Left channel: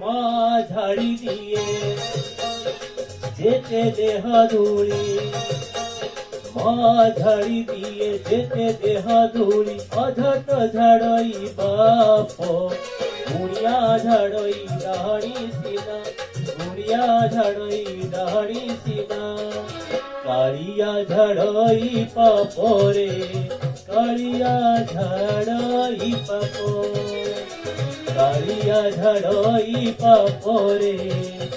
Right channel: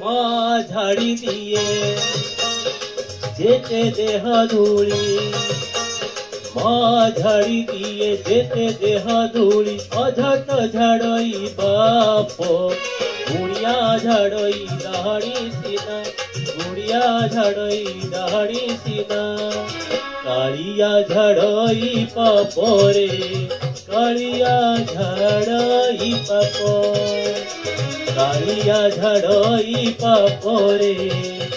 মা ঝাড়ি দিয়ে যেতে দেহ ধুলি, মা ঝাড়ি দিয়ে যেতে দেহ ধুলি, অঝট ঝাড়ই বাপ গুড়িয়া ঝাড়ই ডাহাড়ি সিনা, গুড়িয়া ঝাড়ই ডাহাড়ি সিনা। কালিয়া ঝাড়ই পাপরে, কালিয়া ঝাড়ই পাপ, কালিয়া ঝাড়ই পাপরে,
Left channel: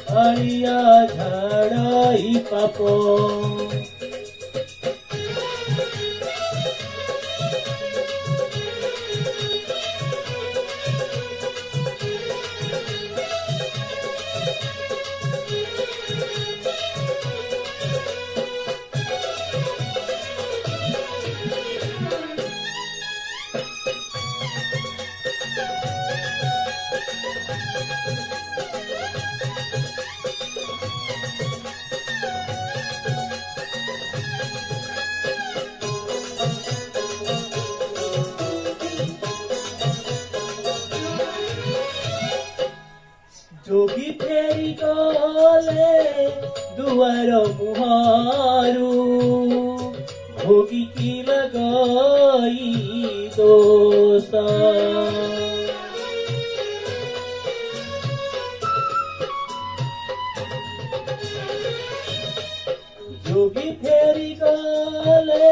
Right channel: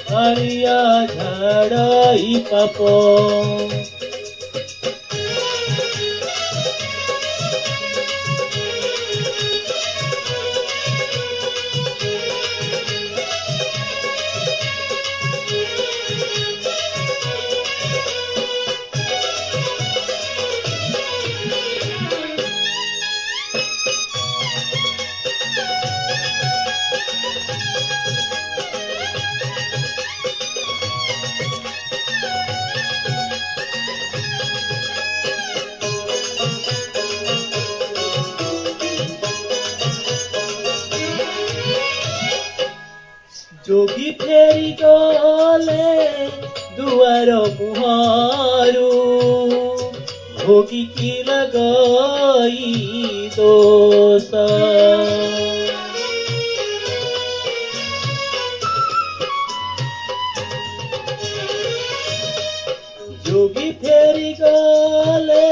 কালিয়া ঝাড়ই পাপ। जोगी फेरी गले दुआर मुहारू, भोगी की लगई दोष। जोगी फेरी गले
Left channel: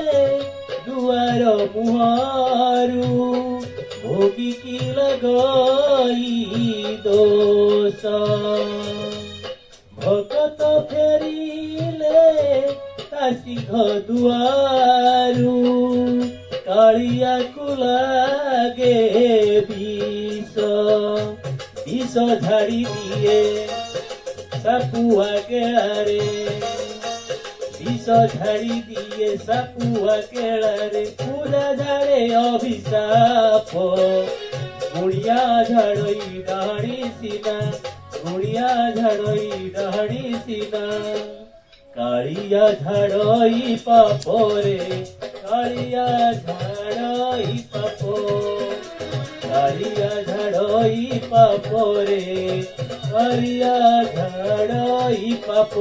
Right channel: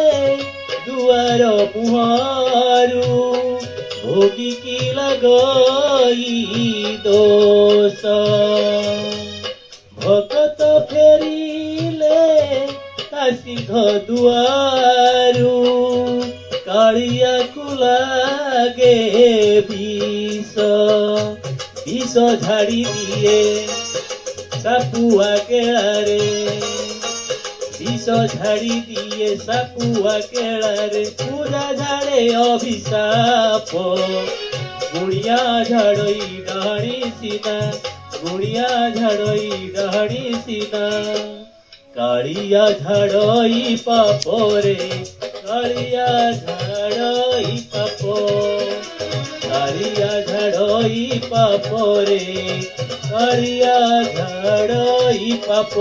दुआर मुहारू, भोगी की लगई दोष। भगत फेरिले सिंह दुआरू, कालिया को लागे विष, विष झाड़ी दिए सापुआ केलारे, विष झाड़ी दिए सापुआ केलारे। पूरा झाड़े अभिशाप, गुड़िया झड़ई डाहड़ी सीना, गुड़िया झड़ई डाहड़ी सीना। कालिया झड़ई पापरे, कालिया झड़ई पाप, कालिया झड़ई पापरे, कालिया झड़ई पाप।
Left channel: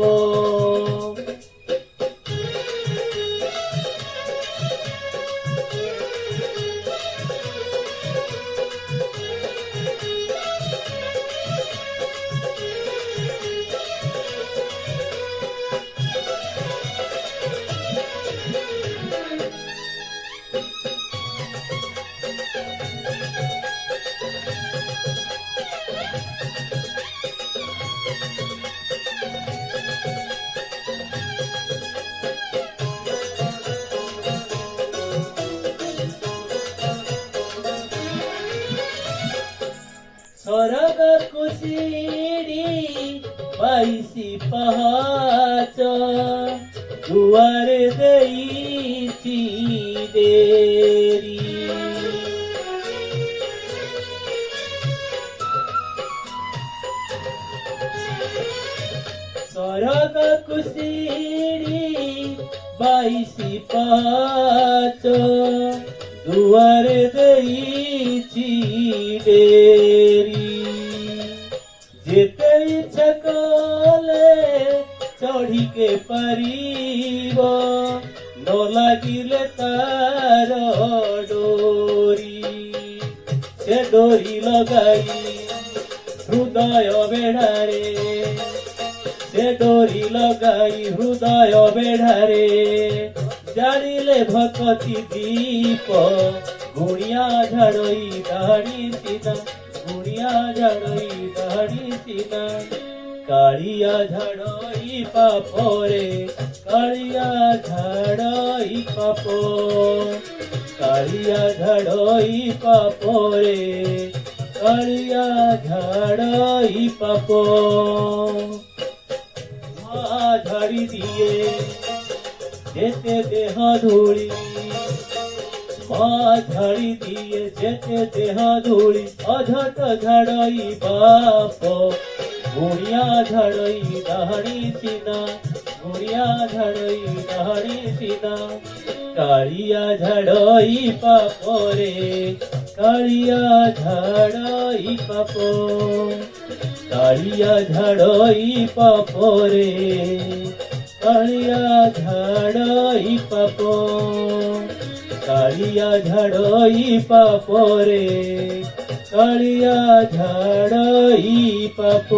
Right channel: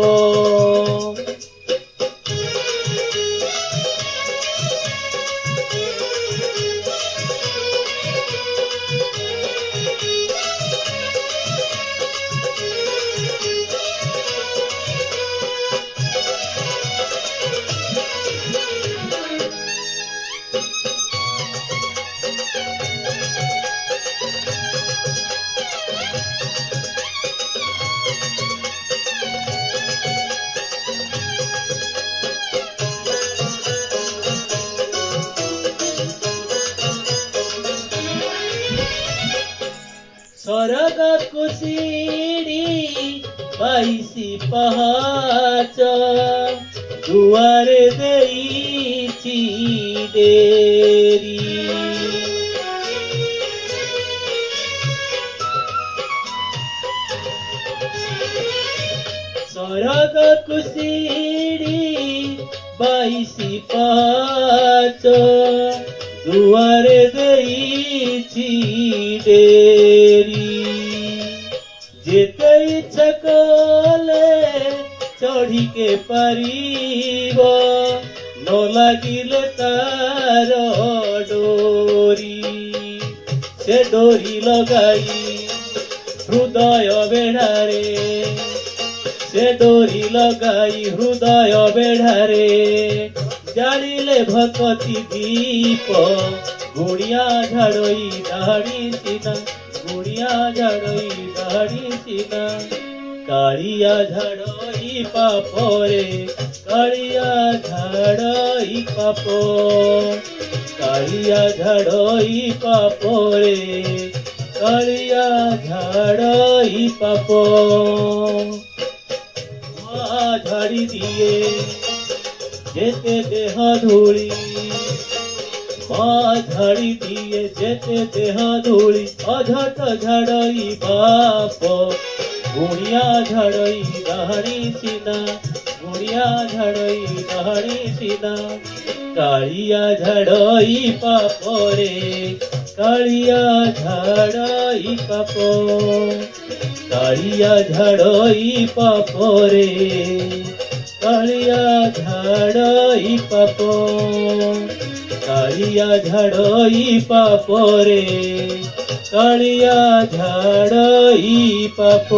सरग कुसीड़ी बाईसी पहाच, दुआरे देईची देरी। सरग कुसीड़ी बाईसी पहाच, दुआरे देईची देरी। जेते इच्छा कले चढ़ी के पारिब, न लागिले तार डोरी। से डोरी लगाई हृदय बेढ़ारे, से डोरी लगाई हृदय बेढ़ारे। जानिले भक्ति दीप, गुड़िया झड़ई डाहड़ी सीना, गुड़िया झड़ई डाहड़ी सीना। कालिया झड़ई पापरे, कालिया झड़ई पाप, कालिया झड़ई पापरे, कालिया झड़ई पाप। माँ झाड़ी दिए जेते देह धूली, माँ झाड़ी दिए जेते देह धूली। अझट झाड़ई बाप, गुड़िया झड़ई डाहड़ी सीना, गुड़िया झड़ई डाहड़ी सीना। कालिया झड़ई पापरे, কালিয়া ঝাড়াই পাপ, কালিয়া ঝাড়াই পাপ রে, কালিয়া ঝাড়াই পাপ, কালিয়া ঝাড়াই পাপ রে, কালিয়া ঝাড়াই পাপ।